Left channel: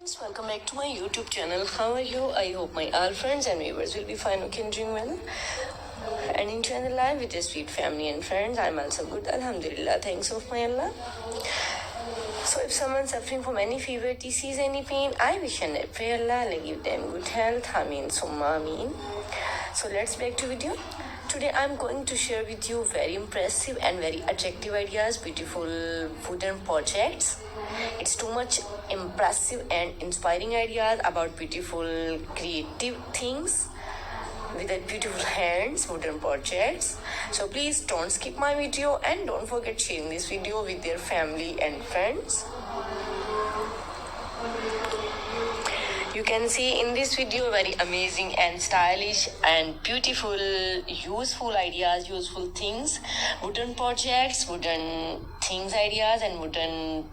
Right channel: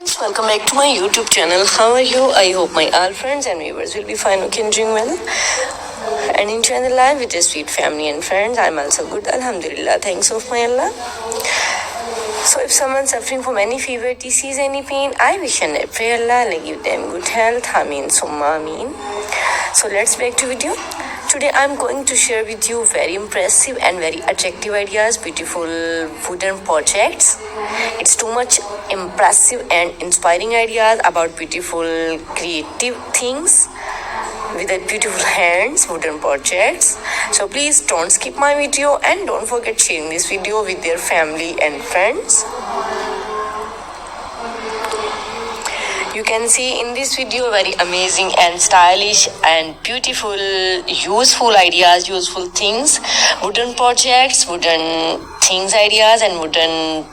Welcome back to my YouTube channel. How are you? I hope my all friends and viewers will be fine, okay, and doing well and enjoying the life with your sweet family and friends. I'm also good, Alhamdulillah. Thanks of my Allah. So if someone's suffering from any fever, disease, any pain, I wish and I pray Allah will give them good health. Ameen summa ameen. So let's back to video. Today I'm going to share with you very impressive and very attractive ideas, beautiful wooden projects. It's too much impressive and inspiring ideas about beautiful creative things with a beautiful hands, wooden projects. So please don't skip my video and don't forget sharing this video with your family and friends. You can see in this video very amazing and stylish and beautiful, useful ideas, useful things, wooden projects, wooden things ideas and wooden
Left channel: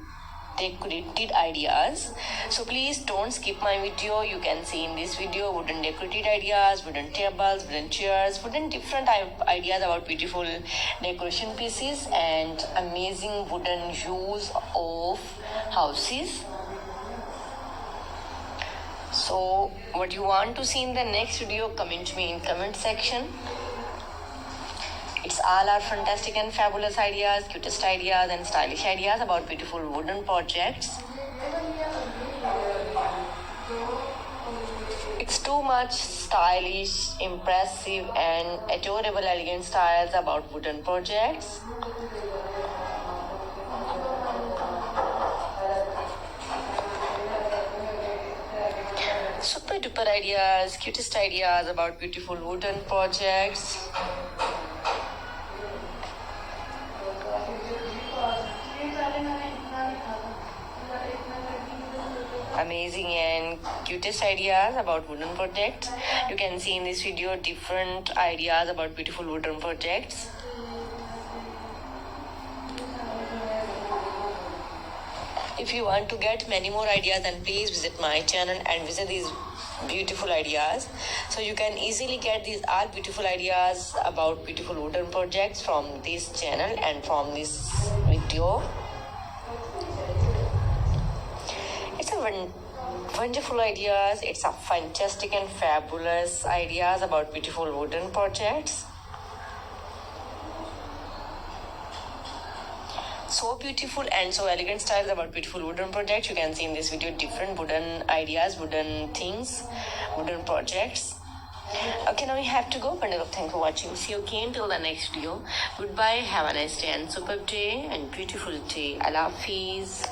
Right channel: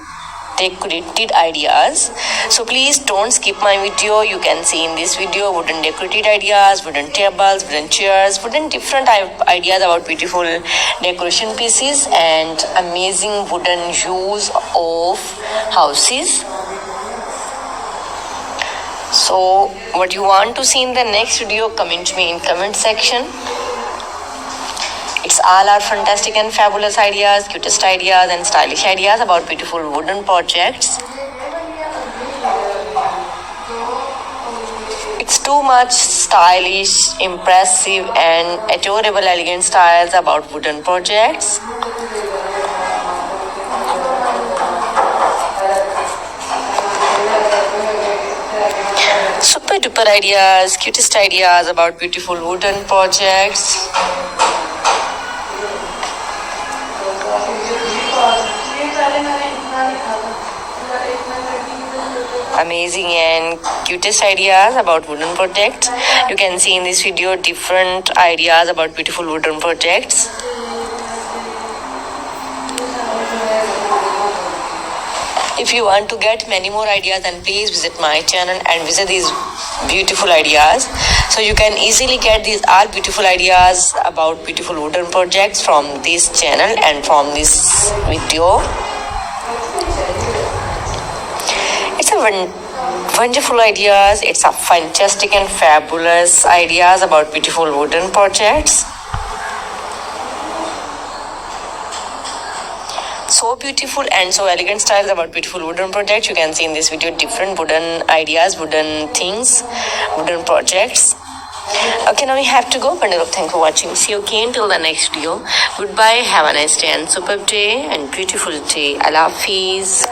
decorated ideas. So please don't skip my video. You can see in this video wooden decorated ideas, wooden tables, wooden chairs, wooden different ideas about beautiful decoration pieces and amazing wooden use of houses. So what you want to see in the next video, comment me in comment section. It's all our fantastic and fabulous ideas, cutest ideas and stylish ideas about beautiful wooden projects. It's too much stylish, impressive and adorable elegant styles about wooden projects. Super duper ideas, cutest ideas about beautiful wooden projects. Amazing and cutest ideas about wooden projects. You can see in this video different ideas about beautiful wooden projects. If you want to get many more ideas, then please visit my channel and visit these beautiful ideas. So you can easily get these all beautiful ideas about beautiful wooden projects from this channel and from this video. It's a wonderful ideas. It's a fantastic and fabulous ideas about beautiful wooden projects. So beautiful and so elegant styles about beautiful wooden projects. You can see in this video different wooden ideas, wooden things, wooden projects. Okay, now we have to go. Bundle of thanks for watching. See you again till the next video. Goodbye. Have a nice day and superb day and beautiful day. Allah Hafiz.